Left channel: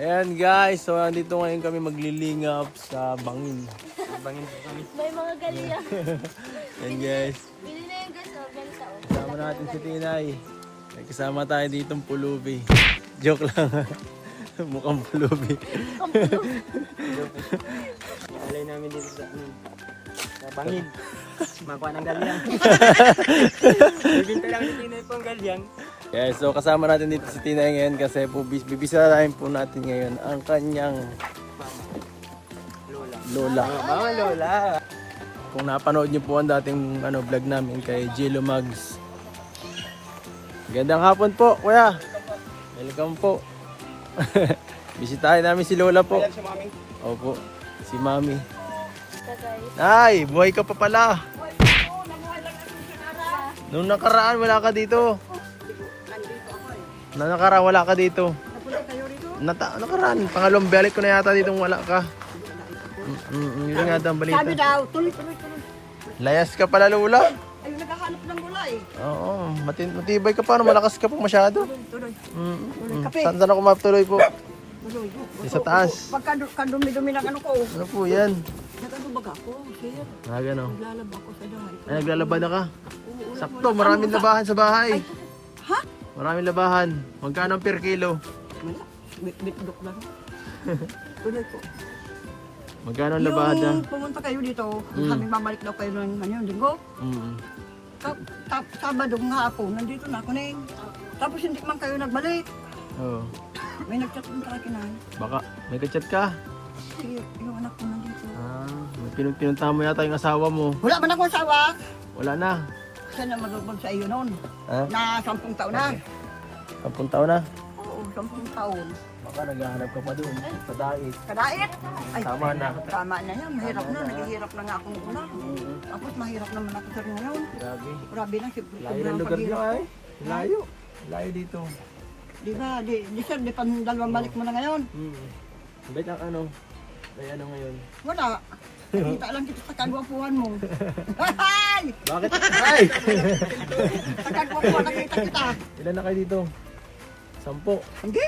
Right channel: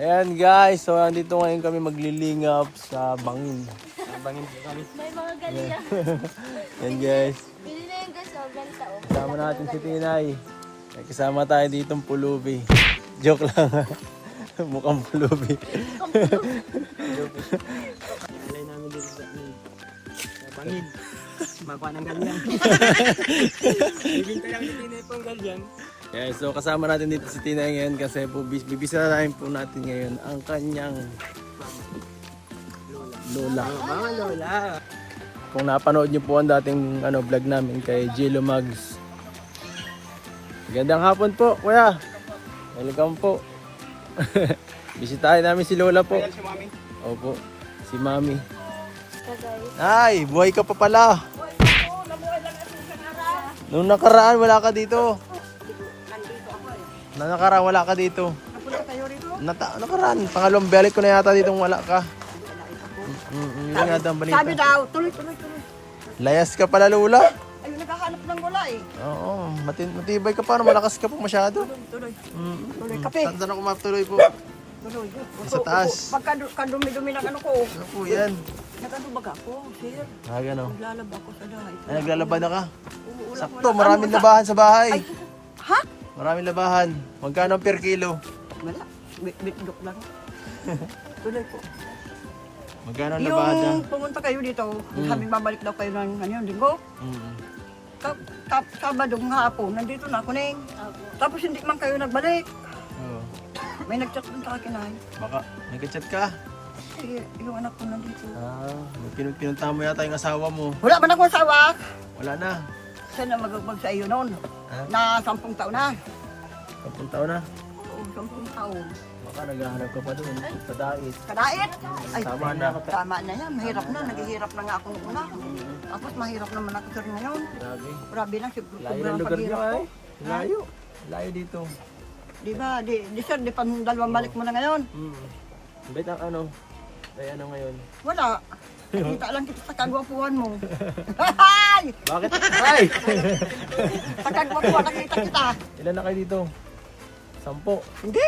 Ayan guys, so nandito ngayon kami maglilingap sa bangin. Bangin po kami. May mga ganyan. Ayan guys, Hindi na yung guys, ganta o. kasama natin si Tinay. May kasama tayo ditong pulubi. Joke lang. Mukhang pulubi. Alay namin dito sa bangin. Makuha ng galyang. Bibinta lang ni Tinay po ang galyang. Yeah, so kasama natin dito si Tinay ngayon kasi po bibisarahin po natin ngayon ang kanyang lola. Mga lola. Kung napanood niyo po ang dating vlog namin kay Jello Mags. Magandang hapon po, kuya. Welcome po. Bisitahin namin si Lola po. Opo, si Mami. Ay, buhay ka pa pala. Nung nakaraan wala ka dito. Nung nakaraan wala ka dito. Napunta kayo rito? Nakaraan, pangalawang balik ko na yata dito wala ka. Yun nga daw ang balita. Sabi daw, tuloy. Layas ka pala, Lola. Ayun, naghahanap ng gula eh. Oo, matibay ka pa, malakas ka pa masyado. Tuloy. Kape. Saan ako matuloy po? Tuloy. Sa taas. Pagka dumi-dumi ng ano ko, Ano po yan? nagkatubag ako, sir. Gano. Naglalaba ako sa dahay. Ay, naglalaba na ka? Oo, Sakto, maraming labahan sa bahay. Ay, ha? Maraming labahan. Magkano ang per kilo? Wala. Bitdok lang. Tuloy ko. Magkano ang labahan na? Yung pumunta kayo dito, sabing babalik daw kayo ng linggo. Sabadong hapon, nandito na ako Neng. Tapos hindi man kayo nagbalik. Oo. May nagchat din sa akin ay. Baka, may kachat ka? Yung anak ko nandito. May pinuntahan mo yata yung asawa mo. Wala man akong asawa. Wala na. Siya na magbabag sa iyo noon. Ha? Na 10 taon na. 10 taon na. Oo, 10 taon. Baka naghahanap ka pa doon. Sa dait. Kadait. Ay, Tama na. tama na yan. Mahirap na. Naghihirap na nga ako noong una. Tapos mahirap naman ako sa rin ngayon. Grabe. Grabe na. Layo ng lugar niyo ay. Layo. Layo dito. Di ba? Di sir, di pa dalawang balik mo na ngayon. Bait ang ay ano ngayon? Wala. Kita lang kita sa kagwapuhan mo. Ay! Bakit? Ay! Sa kagwapuhan nakita kita. Ilan na kayo dito? 10. Hindi.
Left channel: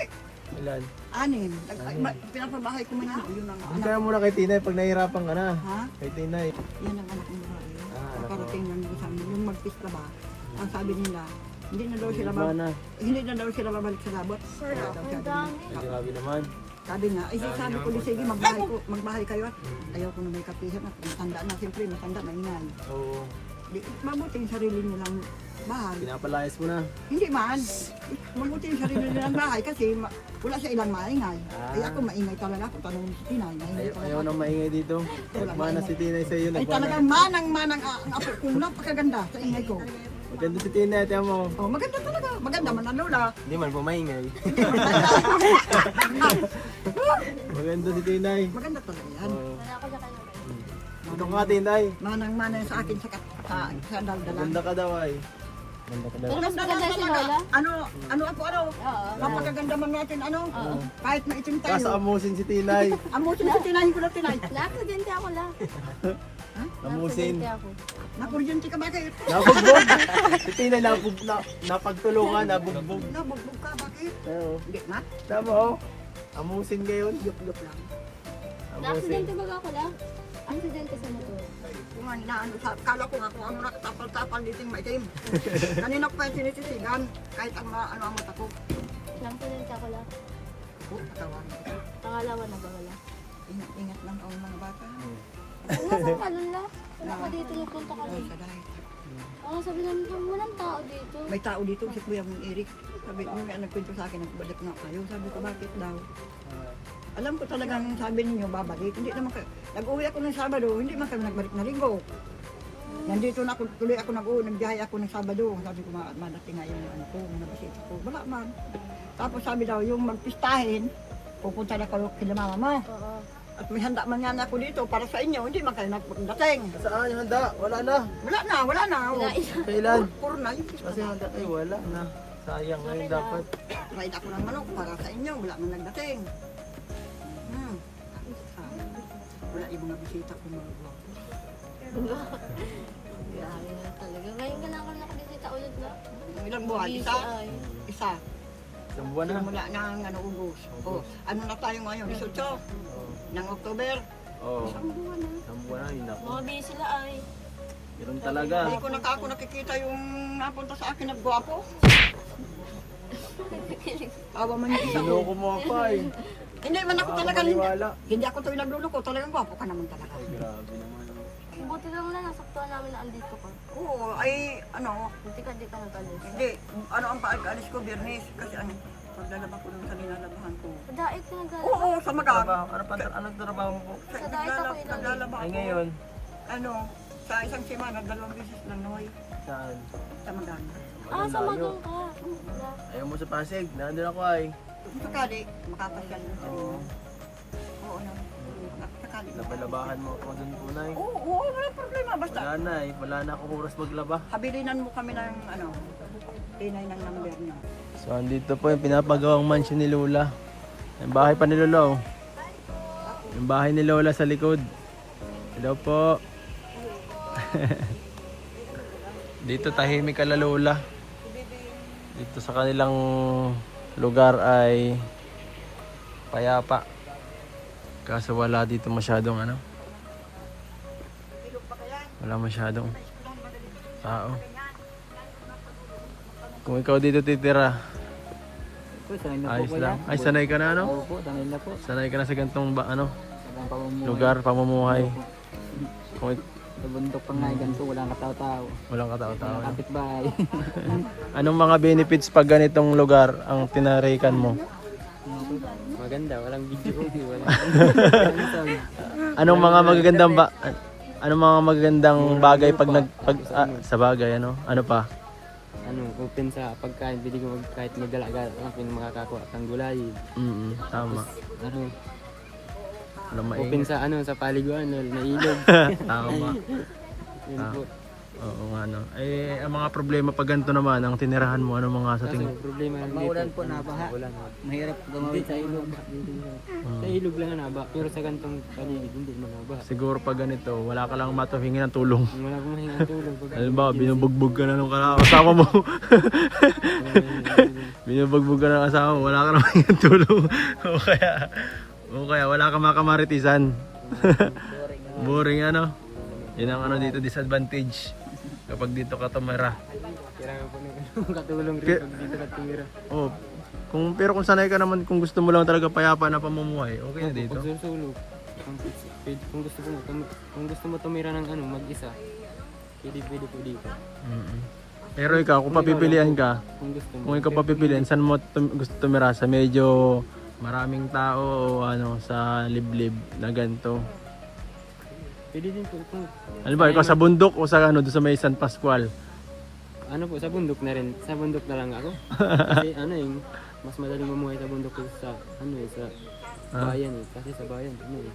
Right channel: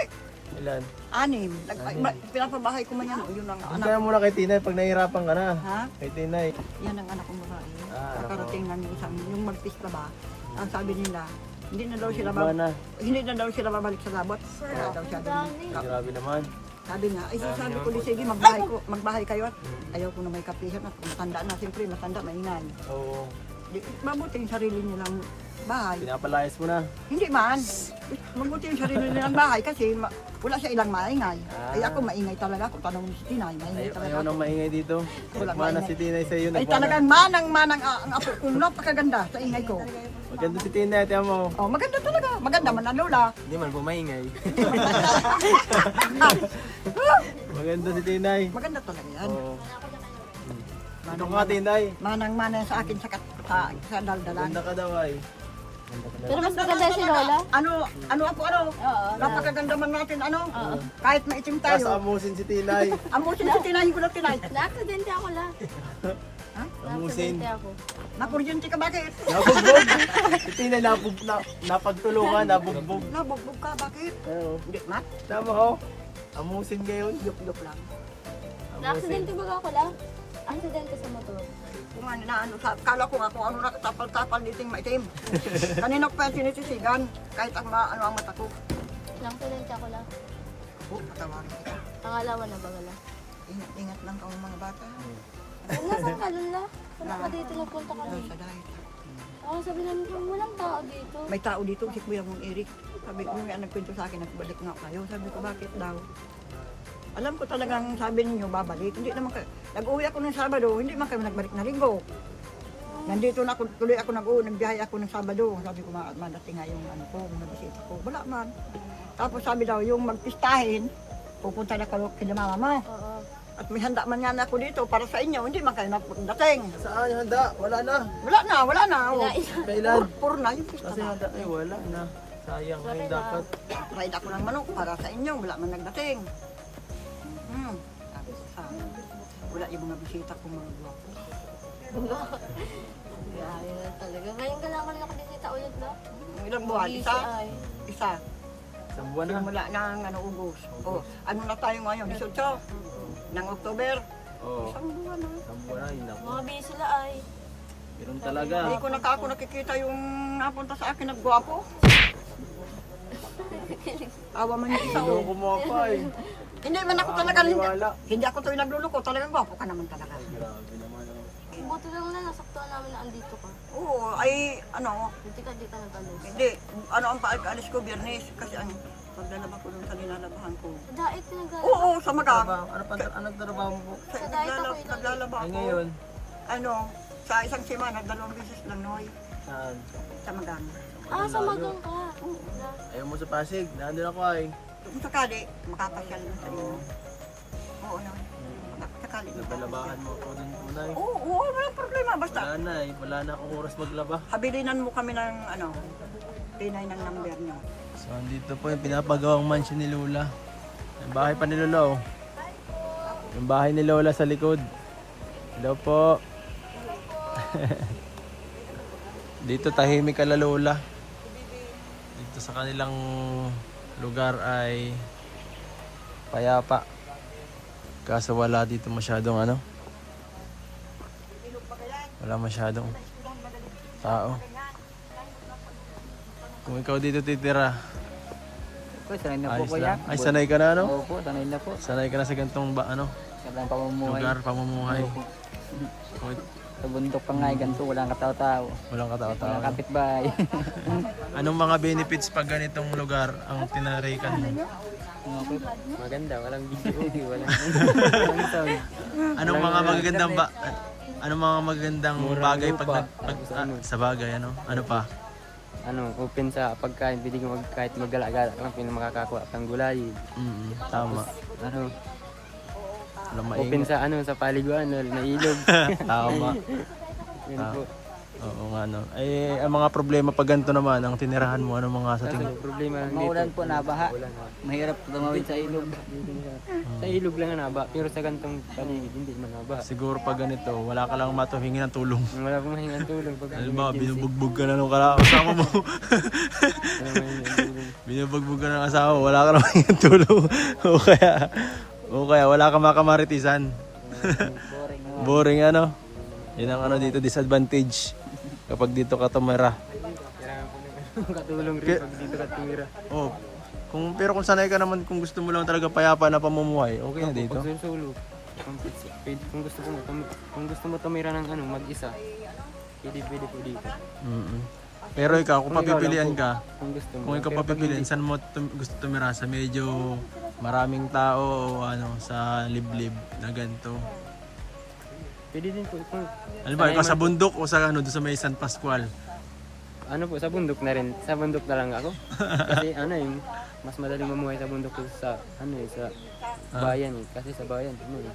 Ilan? 6. Pinapabahay ko man yan. Yun ang Punta anak. ka muna kay Tinay pag nahihirapan ka na. Ha? Kay Tinay. Yan ang anak kong babae. Anak mo. Nakarating lang sa amin. Yung magpista ba? Ang sabi nila, hindi na daw sila Iba na. hindi na daw sila babalik sa labot. Kaya daw sabi niya. Ay, grabe naman. Sabi niya, ay sabi ko, sige, magbahay kayo. Ayaw ko na may kapihan. Matanda na, siyempre, matanda, maingay. Oo. Di, mabuti yung sarili mo lang bahay. Pinapalayas mo na. Hindi man. Mabuti yung sarili nilang bahay kasi wala siya ilang maingay. Ay ako maingay talaga ako. Tanong si Tinay, maingay talaga Ayaw ako. nang maingay dito. Wala Nagmana maingay. si Tinay sa iyo. Ay talagang manang ang apo ko. Napakaganda sa ingay ko. Maganda si Tinay. Tiyan mo. Oh, maganda talaga. Maganda man ang lola. Hindi man pumaingay. Maganda si Tinay. Maganda talaga yan. Oo. Ito ka Tinay. Manang sa akin sa daldalan. Maganda ka daw ay. Maganda ka daw. Pero mas maganda si Lola. Ano ako Oo. napakaganda man natin kahit maitim tayo. Kasamusin si Tinay. Amusin na tinahin ko na tinay. Na-aksidente ako la. Ha? Amusin. Na-aksidente ako. Nakuryente ka bakit? Nabugbog. Si Tinay napagtulungan, nabugbog. Nabugbog ka bakit? Oo. Hindi mat. Tama ho. Amusin ngayon. Yup lang. Amusin. Na-aksidente ba ako la? Aksidente sa motor. Kung ano na kala ko nga kung ano nakatapal-tapal dito yung maitim. Kanina ko pa yung sinisisigan kahit ang ang mata ko. Na-aksidente ako la. Patawarin kita. Pangalawa na ba wala? Ingat lang ang mga bata. Nasaan ka Lola? Wala ka dito, nagpunta kami. Sa dahay. Sabi namin kung walang tao dito. May tao dito, si Kuya mong Eric. Sabi nyo nga nagkwento sa akin, nagbalik nga kayo. Sabi ko, bakit daw? Alam ko talagang sabi ninyo, babalik. Hindi naman kayo. Nag-uwi ako ng Sabado, hindi man kayo nagbalik na linggo. Nandito na ako, tuloy ako nagbiyahe ako ng Sabado. Sabi ko, madating nga yung ano ko, mga bisita ko. Wala man. Tapos sabi daw, yung magpistahin, pupunta na kayo kina mama mo. Oo. At may handa man nga na ako dito para sa inyo, hindi man kayo nagdating. Saan yung handa? Wala na. Wala na. Kailan? Puro na yung pista. Kasi handa ay wala na. Sayang ngayon dapat. Ride ako ng manok para sa inyo, wala man nagdating. Wala yung mga bisita ko mga gwapo. Gaya na talaga. Ngayon ka lang ako nakabisita ulit na. Ilang buwan? Isa? Ay. Isa. Isang buwan na. Simula ng Ugos. O, ano na tayo ngayon? 18 ng October. Oo. Isang buwan na. Isang buwan na yun ako. Mga busy sila ay. Meron talaga. Hindi ko ako nakikita yung napunta sa akin na gwapo. Awa man yung isa ko. Loko mo ako ay. Hindi man ako talaga, Maniwala. hindi ako tuwing nagluloko, talagang gwapo ka naman talaga. Grabe naman. Oh. Buti lang na nasaktuhan namin na andito ka. Oo, ay ano, Hindi ka nag-alis. hindi, ano ang paalis ko, Biyernes, kasi ano, paglalaba ko dun sa nilalabahan ko. Sa daig ka nag-alis. Oo, sa maga. Trabaho. Ano pa? Anong trabaho mo po? Sa diet ako ilan. Naglalaba Ay ako. ngayon. Ano, sa isang semana, 2 beses lang noy, Saan? sa Magan. Ah, sa magang ka. Ayaw mo sa Pasig. Nandun ako ay. Kung sakali, makapasyal mo sa inyo. Oo, no. Sakali. Napalabahan mo ako dun po na Oo, walang problema, basta. Wala na eh. Wala na akong oras maglaba. Habilinan mo kami ng, ano, pinay ng number niyo. So andito po yung pinapagawang mansion ni Lola. Yung bahay pa ni Lola oh. Yung bahay ni Lola sa likod. Hello po. Dito tahimik ka la Lola. Dito sa kanilang lugar ay payapa. Kaso wala dito masyadong ano. Wala masyadong tao. Kung ikaw dito titira, Po, sanay na po ayos kuya. lang. Ay sanay ka na ano? Opo, sanay na po. Sanay ka na sa gantong ano, Salang pamumuhay. lugar, pamumuhay. Kung Sa bundok pa nga, ganito, walang katao-tao. walang katao-tao. Walang kapitbahay. Anong mga benefits pag ganitong lugar ang tinarikan mo? Maganda, walang video, walang sound. Anong mga magagandang anong mga magagandang bagay pag sa bagay ano? Ano pa? Ano, open sa pagkain, pwede ka kahit maggala-gala lang, makakakuha kang gulay. Tama. Ano, Walang open maingay. sa ano, sa paliguan, na ilog. Tama. Yun po. Oo nga no. Eh ang mga problema pag ganito naman ang tinirahan mo ano mga sa Kaso tingin? problema lang dito. Maulan po, nabaha. Mahirap gumawin sa ilog. Sa ilog lang naba, pero sa gantong paligid hindi man nabaha. Siguro pag ganito, wala ka lang matuhingi ng tulong. Wala akong mahingang tulong. Halimbawa, binubugbog ka na nung kasama mo. Binubugbog ka na ng kasama mo, wala ka naman yung tulong. o kaya wala ka makamaritisan. Boring ano. Yan ang ano dito, disadvantage. Kapag dito ka tumira. Kailangan po ng katulong rin pag dito ka tumira. Oh, pero kung sanay ka naman, kung gusto mo lang talaga payapa na pamumuhay, okay na dito. Pag sulsulog, kung gusto mo tumira ng ano, mag-isa, pwede po dito. Pero ikaw, kung papipilian ka, Kung gusto mo. kung ikaw papipilian, saan mo gusto tumira? Sa medyo maraming tao o ano, sa liblib na ganito? Pwede din po. Ano ba, ikaw sa bundok o sa ano, doon sa may San Pascual? Ano po, sa bundok na rin. Sa bundok na lang ako. Kasi ano yung mas madaling mamuhay sa bundok kaysa sa ano sa bayan eh. Kasi sa bayan, ano eh.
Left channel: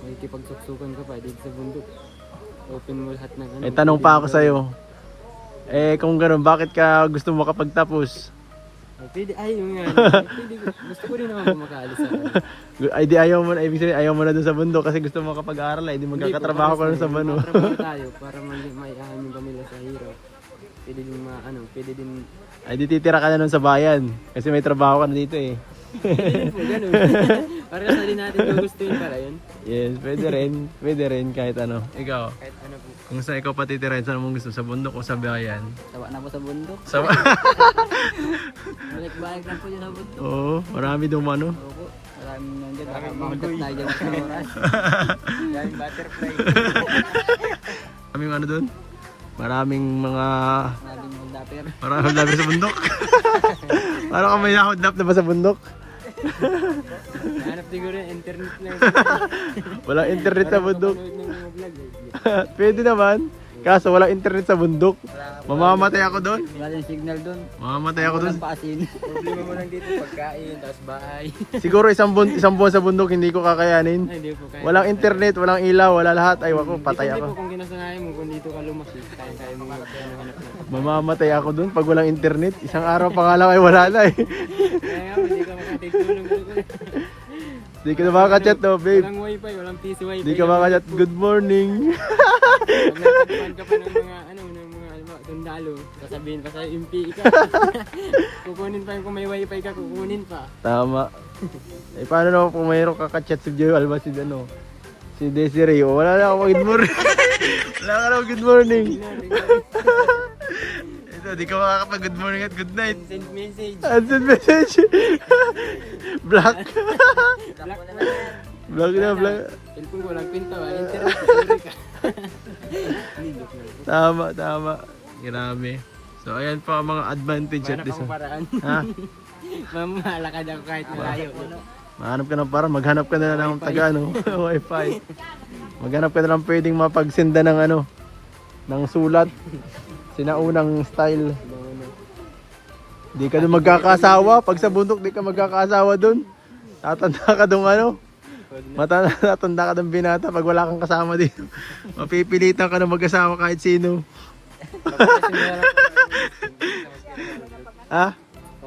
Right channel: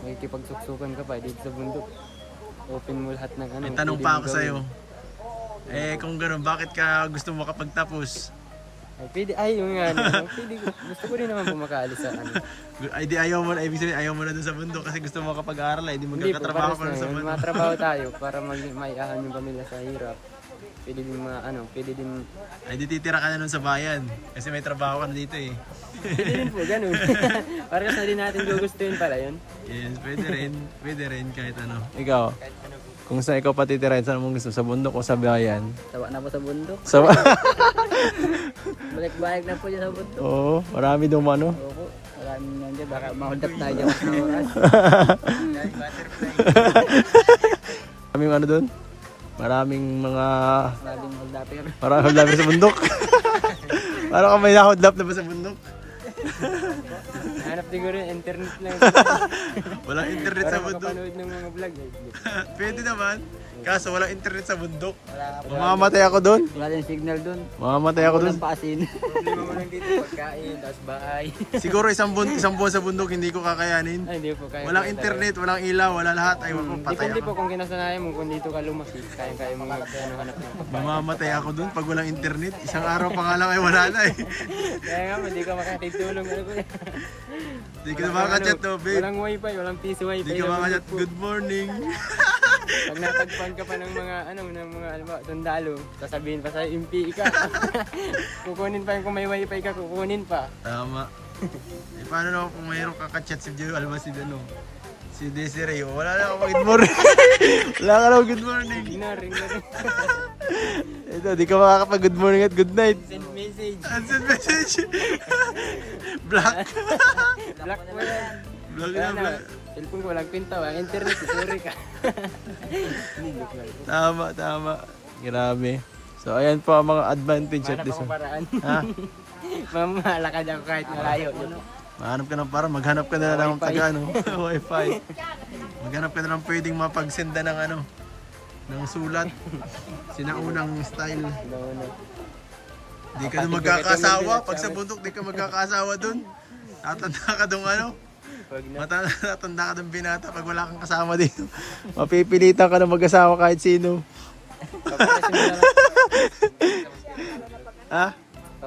Makikipagsuksukkan ka pa dito sa bundok. Open mo lahat ng ano. May tanong pwede pa mong ako gawin. sa'yo. Eh kung gano'n, bakit ka gusto mo makapagtapos? Ay, pwede, ay yung ano. Pwede, gusto ko rin naman po makaalis sa ano. Ay di ayaw mo na, ibig sabihin ayaw mo na doon sa bundok kasi gusto mo makapag-aaral ay di magkakatrabaho ka na sa bundok. Matrabaho tayo para maiahan yung pamilya sa hirap. Pwede din pwede din. Ay di titira ka na nun sa bayan kasi may trabaho ka na dito eh. Pwede din po, ganun. Parehas na din natin gugustuhin pala yun. Yes, pwede rin kahit ano. Ikaw, kung saan ikaw patitirahin, saan mo gusto? Sa bundok o sa bayan? Tawa na po sa bundok. Sa Balik-balik na po dyan sa bundok. Oo, marami doon ano. Opo, maraming nandiyan. Baka mahundap na dyan sa oras. Maraming ano doon? Maraming mga Maraming holdapper. maraming hodlapper sa bundok. Parang ka may nahodlap na ba sa bundok? Hanap siguro yung internet lang. Walang internet sa Para bundok. makapanood ng mga vlog eh. Pwede naman. Kaso walang internet sa bundok. Mamamatay ako doon. Wala yung signal doon. Mamamatay ako doon. Walang paasin. Problema mo lang dito pagkain, tapos bahay. Siguro isang buwan sa bundok hindi ko kakayanin. Ay, hindi po kaya. Walang internet, walang ilaw, wala lahat. Ay wako, patay Depende po ako. kung kinasanayan mo, kung dito ka lumaki, kaya mo hanap ng. Mamamatay ako doon pag walang internet. Isang araw pa nga lang ay wala na eh. Kaya nga, hindi ka makatitulong. Di ka na makaka-chat no, babe. Walang wifi, walang piso wifi. Di ka makaka-chat, good morning. Pag natagpuan ka pa ng mga, alam mo, sundalo, sasabihin pa sa'yo, impi ka. Kukunin pa yung kung may wifi ka, kukunin pa. Tama. Eh, paano naman kung mayroong kakachat si Joy Alba, si ano? Si Desiree, wala na ako good morning. Wala ka na good morning. Ignore. Ito, di ka makakapag good morning at good night. Send message. Send message. Black. Black mo yan. Black na, black. Cellphone ko, walang pinta, walang internet, sorry ka. Hindi, joke lang. Tama. Grabe. So, ayan po ang mga advantage at Hanap this. akong paraan. Ha? Mamalakad ako kahit malayo. Mahanap ka ng parang maghanap ka na lang ng taga, ano, wifi. Maghanap ka na lang pwedeng mapagsenda ng ano, ng sulat. Sinaunang style. Di ka na magkakasawa. Pag sa bundok, di ka magkakasawa dun. Tatanda ka dun ano. Tatanda ka dun binata pag wala kang kasama dito. Mapipilitan ka na mag-asawa kahit sino. Ha?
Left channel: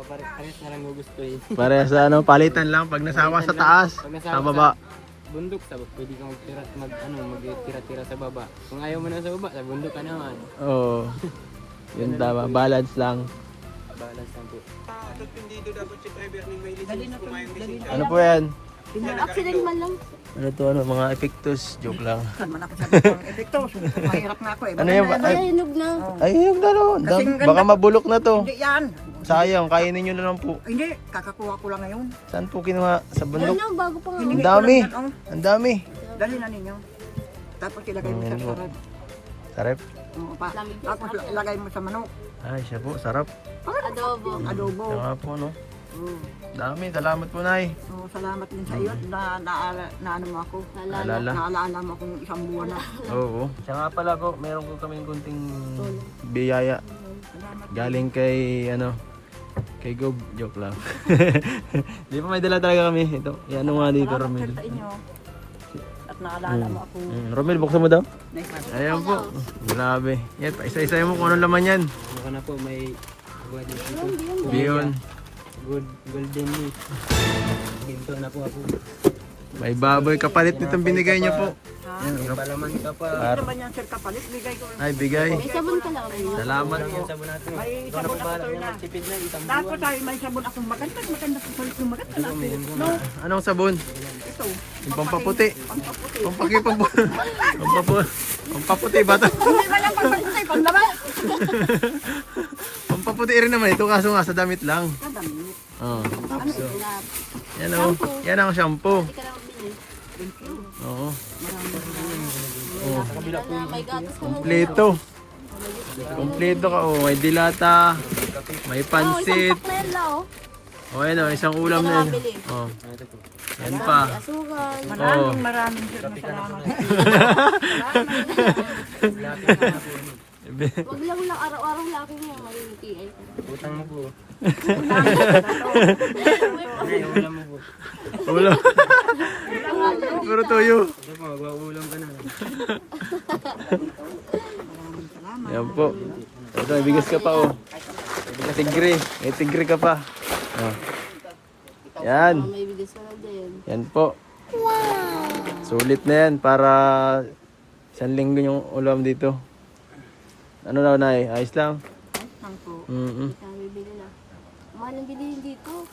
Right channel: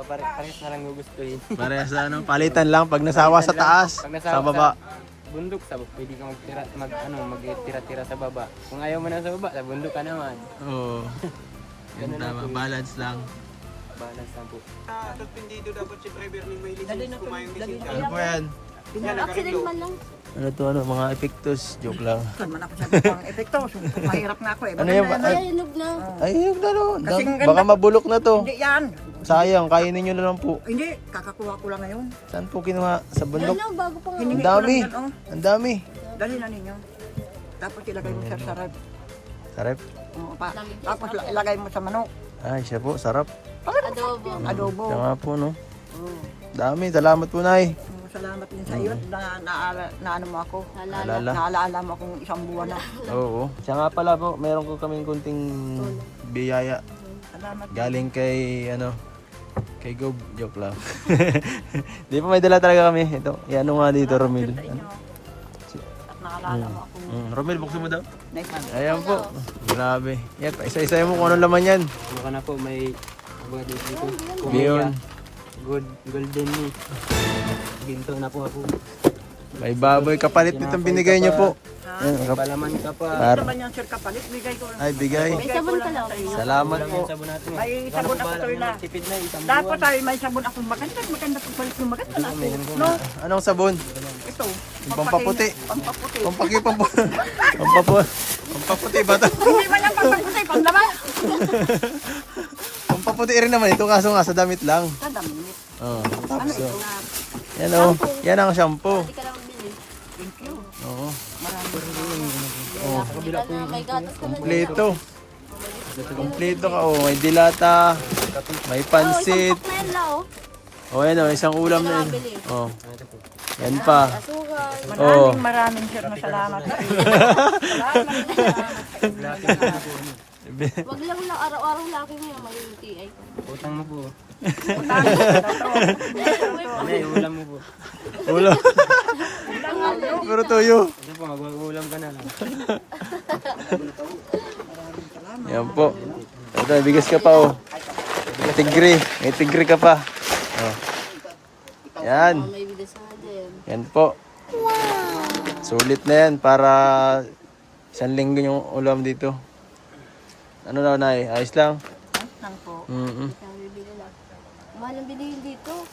Pares na lang gugustuhin. Parehas sa ano, palitan lang pag nasawa sa taas, sa baba. Bundok sa pwede ka magtira-tira sa baba. Kung ayaw mo na sa baba, sa bundok ka naman. Oo. Yun tama, balance lang. Balance lang po. Ano po yan? Accident man lang. Ano to, ano, mga epektos, joke lang. Saan man ako sabi ng epekto? Mahirap na ako eh. Ano yan ba? Ay, hinog na. Ay, yung dalo. Kasing ganda. Baka mabulok na to. Hindi yan. Sayang, kainin nyo na lang po. Hindi, kakakuha ko lang ngayon. Saan po kinuha? Sa Yan bundok? lang, bago pa nga. Hiningi Ang ko dami. lang yan, oh. Ang dami. Dali na ninyo. Tapos ilagay mo sa sarap. Karep? Tapos ilagay mo sa manok. Ay, siya po, sarap. Adobo. Adobo. Siya nga po, no? Oh. Dami, salamat po, Nay. Oh, salamat din sa iyo na ano mo ako. Nalala. Alala. Naalala mo akong isang buwan na. Oo. Siya nga pala po, meron ko kaming kunting biyaya. Salamat. Galing kay, ano, kay Gob. Joke lang. Di pa may dala talaga kami. Ito, yan nga dito, Romil. Sa inyo. At naalala mo ako. Romil, buksan mo daw. Nice. Ayan po. Grabe. Yan, isa-isa mo kung anong laman yan. Baka na po may dito. Yun. Good golden meat. Ginto na po ako. May baboy. Kapalit nitong binigay niyo po. May palaman ka pa. Hindi naman yung sir kapalit. Bigay ko. Ay, bigay. May sabon ka lang. Salamat po. Sabon natin. May sabon ako tuloy na. Tipid na isang Dapat ay may sabon akong maganda. Maganda kong palit yung maganda na ako. No, Anong sabon? ito. Yung pampaputi. Pampaputi. Pampaputi ba ito? Hindi ba lang pampaputi? Panlaban. Pampaputi rin naman ito kaso nga sa damit lang. Kadami. Oh, tapos oh. Na, Yan oh. Yan ang shampoo. hindi ka lang bili. Oo. Kabila na, may gatas ko na. Kompleto. Kompleto ka oh. May dilata. May pansit. Pak na yan la, oh. Oh, yan oh. Isang ulam na yun. Oh. Yan pa. Sugar. Maraming sir na salamat. Wag lang araw-araw laki mo may UTI ka. utang mo po. May May ulam mo po. Ulam. Pero tuyo. Ano po, mag-uulam ka na lang. Yan po. Ito, bigas ka pa oh. Tigri. May tigri ka pa. Oh. Yan. may bigas na din. Yan po. Sulit na yan para isang linggo yung ulam dito. Ano daw, Nay? Ayos lang? Nang po. Sabi bili lang. Mahal ang bilihin dito.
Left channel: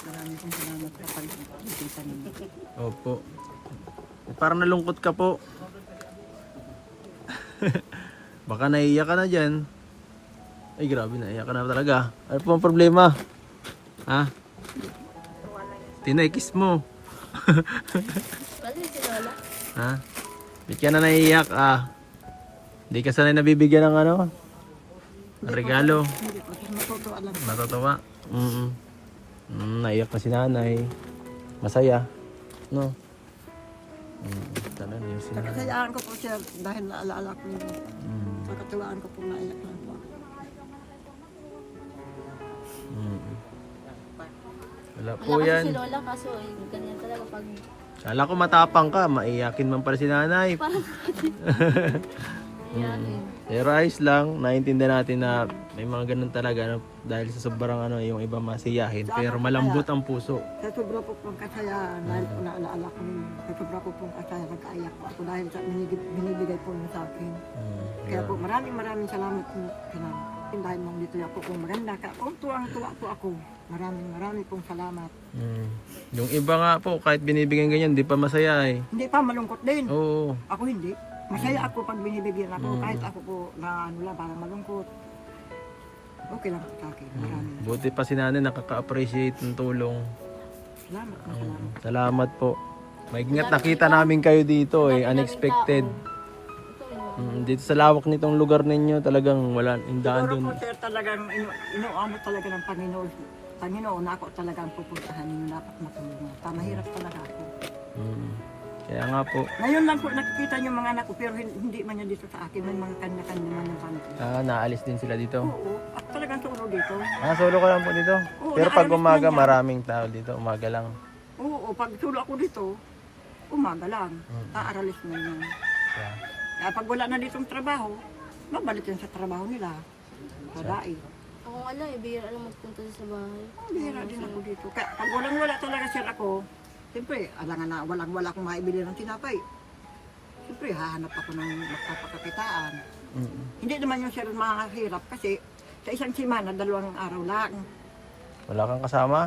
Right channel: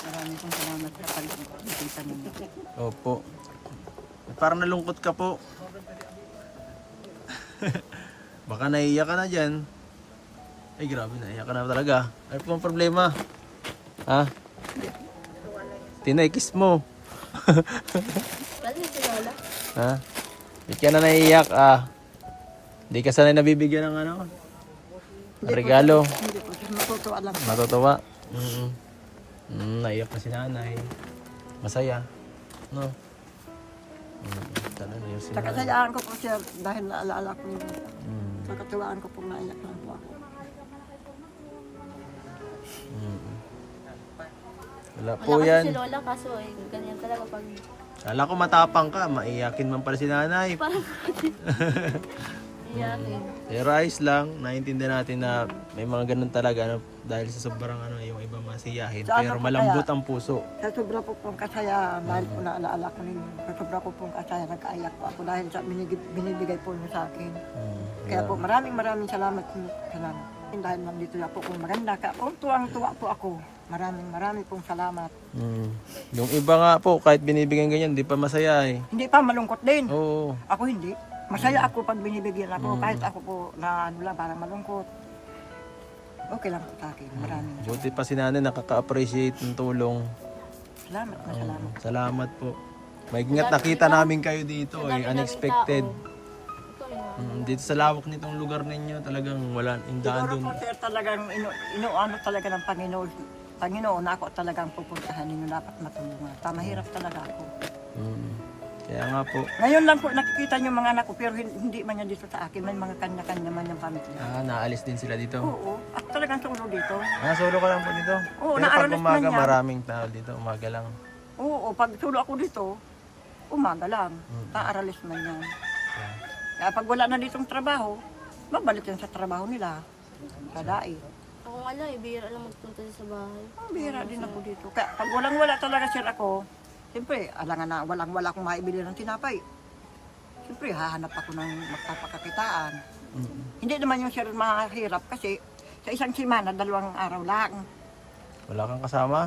Maraming pong salamat sa pag-ibigay ninyo. Opo. Parang nalungkot ka po. Baka naiiyak ka na dyan. Ay grabe, naiiyak ka na talaga. Ano po ang problema? Ha? Tinay-kiss mo. Kasi si Lola. Ha? Hindi ka na naiiyak ah. Hindi ka sanay nabibigyan ng ano? Regalo. Hindi po sir, matutuwa lang. Matutuwa. Naiyak na si nanay. Masaya. No? Talaga yung si nanay. Nakasayaan ko po sir dahil naalala ko yun. Mm. Nakatuwaan ko po naiyak lang po ako. Wala po Wala kasi yan. si Lola kaso eh, ganyan talaga pag Kala ko matapang ka, maiyakin man pala si nanay. parang Iyakin. Pero ayos lang, naiintindihan natin na may mga ganun talaga ano, dahil sa sobrang ano, yung iba masiyahin. Pero malambot ang puso. Sa sobra po pong kasaya, dahil po naalaala ko ninyo, sa sobra po pong kasaya, nagkaayak po ako dahil sa binibigay po niyo sa akin. Kaya po maraming salamat po. Salamat. Dahil nandito na po kung maganda ka, tuwang-tuwa po ako. Maraming pong salamat. Yung iba nga po, kahit binibigyan ganyan, di pa masaya eh. Hindi pa malungkot din. Oo. Ako hindi. Masaya ako pag binibigyan ako, kahit ako po na ano lang, parang malungkot. Okay lang po sa akin. Maraming Buti pa si nanay nakaka-appreciate ng tulong. salamat na salamat. Salamat po. May nakita namin kayo dito eh, unexpected. Ito yun. Dito sa lawak nitong lugar ninyo, talagang wala yung daan Siguro doon. po sir, talagang inuano talaga ng Panginoon na ako talagang pupuntahan ninyo dapat matulungan. Mahirap talaga ako. Kaya nga po. Ngayon lang po nakikita niyo mga anak ko pero hindi man yan dito sa akin. May mga kanya-kanya man ng pamilya. Naalis din sila dito. Oo. At talagang solo dito. Solo ka lang po dito. Oo, Pero pag naalis umaga, man yan. maraming tao dito. Umaga lang. Oo. Pag solo ako dito, umaga lang. Paaralis man yan. Yeah. Kaya pag wala na ditong trabaho, mabalik yan sa trabaho nila. Sa dai. Ako nga lang, bihira lang magpunta sa bahay. Bihira din ako dito. Kaya pag walang-wala talaga sir ako, siyempre, alangan na walang-wala akong maibili ng tinapay. Siyempre, hahanap ako ng magpapakakitaan. Hindi naman yung sir mahirap kasi sa isang simana, 2 araw lang. Wala kang kasama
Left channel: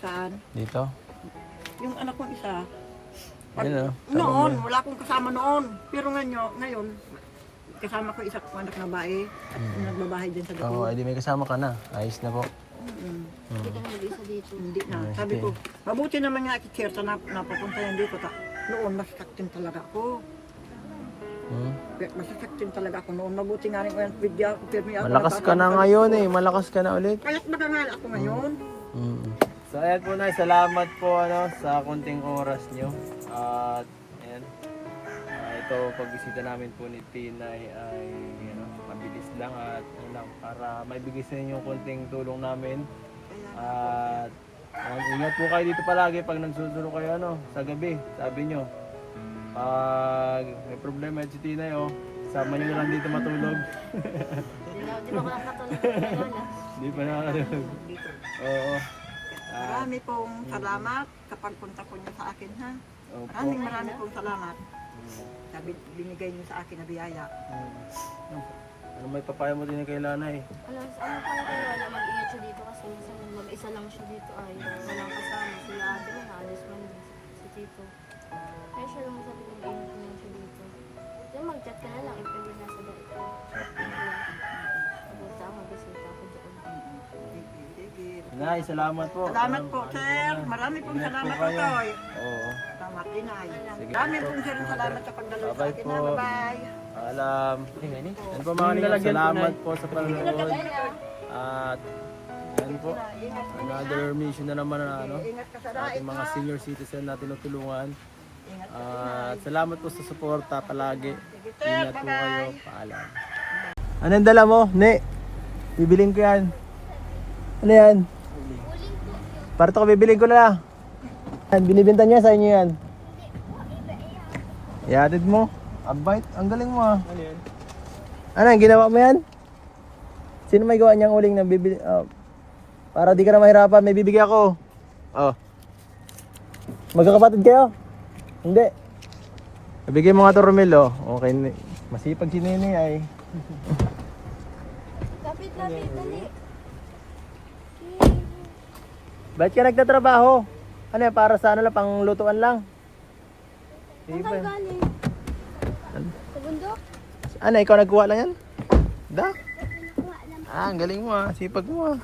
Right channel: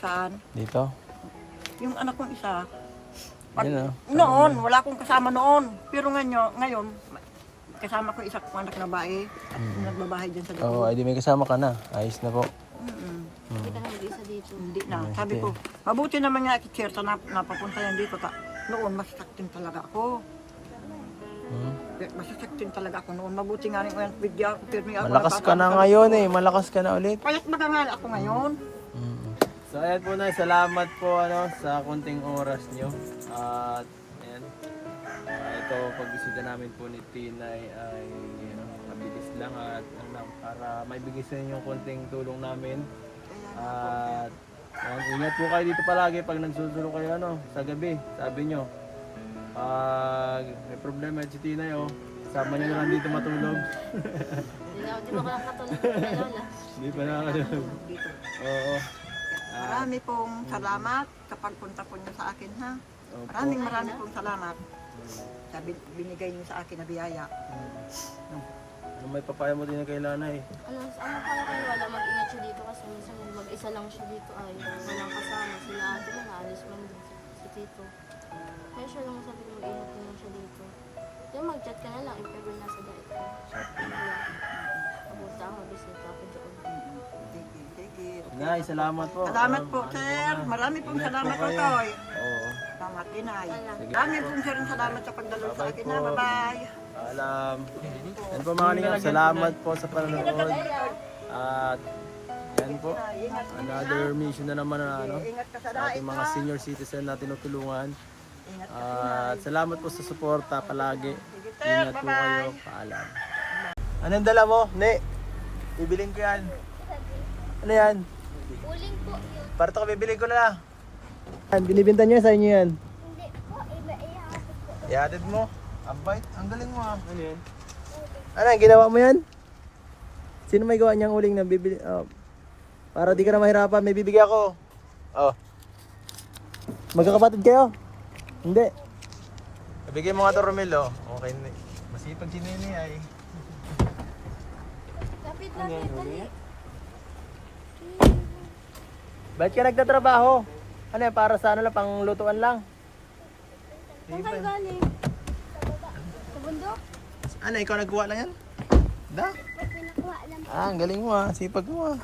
Saan? dito? Yung anak kong isa. Ayun, Noon, wala akong kasama noon. Pero ngayon, kasama ko isa kong anak na bae at nagbabahay dyan sa Oo, likod. di may kasama ka na. Ayos na po. Hindi ka na mag-isa dito. Hindi na. Sabi ko, mabuti naman nga kitsirta na napapunta yan dito. Noon, masasaktin talaga ako. Masasaktin talaga ako noon. Mabuti nga rin ko yan. Bigyan ako. Malakas ka na ngayon eh. Malakas ka na ulit. Payat magangal ako ngayon. So ayan po na, salamat po sa konting oras nyo. At ayan, ito pagbisita namin po ni Tinay ay mabilis lang at ano lang, para maibigay sa inyo yung konting tulong namin. At ingat po kayo dito palagi pag nagsusulo kayo sa gabi. Sabi nyo, pag may problema si Tinay sama nyo na lang dito matulog. Di ba ko lang katulog kay Lola? Hindi pa nakakatulog. Dito. Oo. Marami pong salamat kapag punta po niyo sa akin ha. Opo. Marami pong salamat. Sabi, binigay niyo sa akin na biyaya. Ano may papaya mo din kay Lanay? Ano kaya kayo wala mag-ingat siya dito kasi minsan mag-isa lang siya dito ay walang kasama. Sila ate mo naalis man din si Tito. Kaya siya lang sabi ko mag-ingat naman siya dito. Yung mag-chat ka na lang if ever nasa dait ka. Kapunta ako, bisita ako doon. Nay, salamat po. Salamat po, sir. Marami pong Ingat salamat po po, kayo. Toy. Oo. Salamat, Inay. Sige. Marami pong sir salamat sa pagdaloy sa akin. Bye-bye. Alam. Yan po mga kalingap, salamat po sa panonood. At yan po, another mission na naman sa ating mga senior citizen na tinutulungan. At salamat po sa suporta palagi. Ingat po kayo. Paalam. Anong dala mo? Ne, bibiling ko yan. Ano yan? Uling po yun. Para to, bibiling ko na lang. Yan, binibenta niya sa inyo yan. Hindi po, iba-ihapit ko. Ihatid mo. Abait, ang galing mo. Ano yan? Ano yan, ginawa mo yan? Sino may gawa niyang uling na bibili? Para di ka na mahirapan, may bibigyan ako. Magkakapatid kayo? Hindi. Bibigyan mo nga ito, Romel. Okay, masipag si Nene ay. Lapit, dali. Ba't ka nagtatrabaho? Ano yan, para sa lang, pang lutuan lang? Saan ka galing? Sa bundok? Ano, ikaw nagkuha lang yan? Da? Pinakuha lang. Ang galing mo sipag mo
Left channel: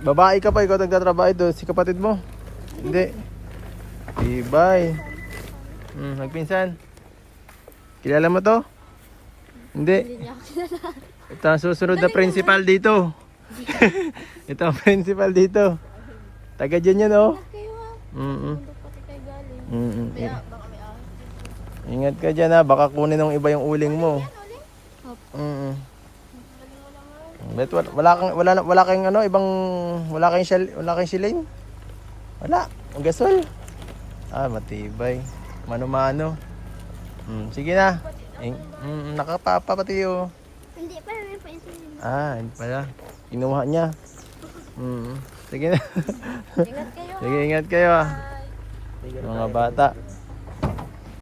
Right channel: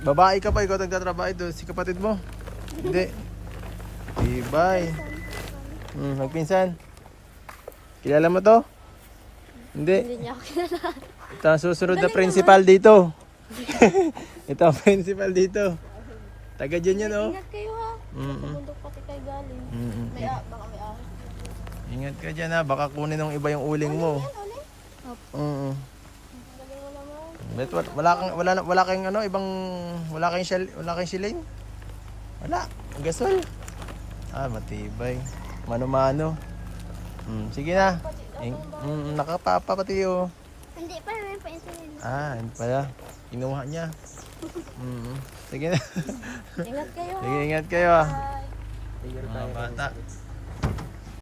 Babae ka pa, ikaw nagtatrabaho ito, si kapatid mo? Hindi. Ibay. Nagpinsan. Kilala mo to? Hindi. Hindi niya ako kilala. Ito ang susunod na principal dito. Ito ang principal dito. Taga dyan yan Ingat kayo ha. Mm-mm. Bundok pati kayo galing. Ingat ka dyan baka kunin ng iba yung uling mo. Bet wala kang ibang wala kang shilling? Wala, ang gasol. Matibay. Mano-mano. Sige na. Nakapapa pati oh. Hindi pa, may pa ito yun. Hindi pala. Kinuha niya. Sige na. Ingat kayo. Sige, ingat kayo ah. Mga bata.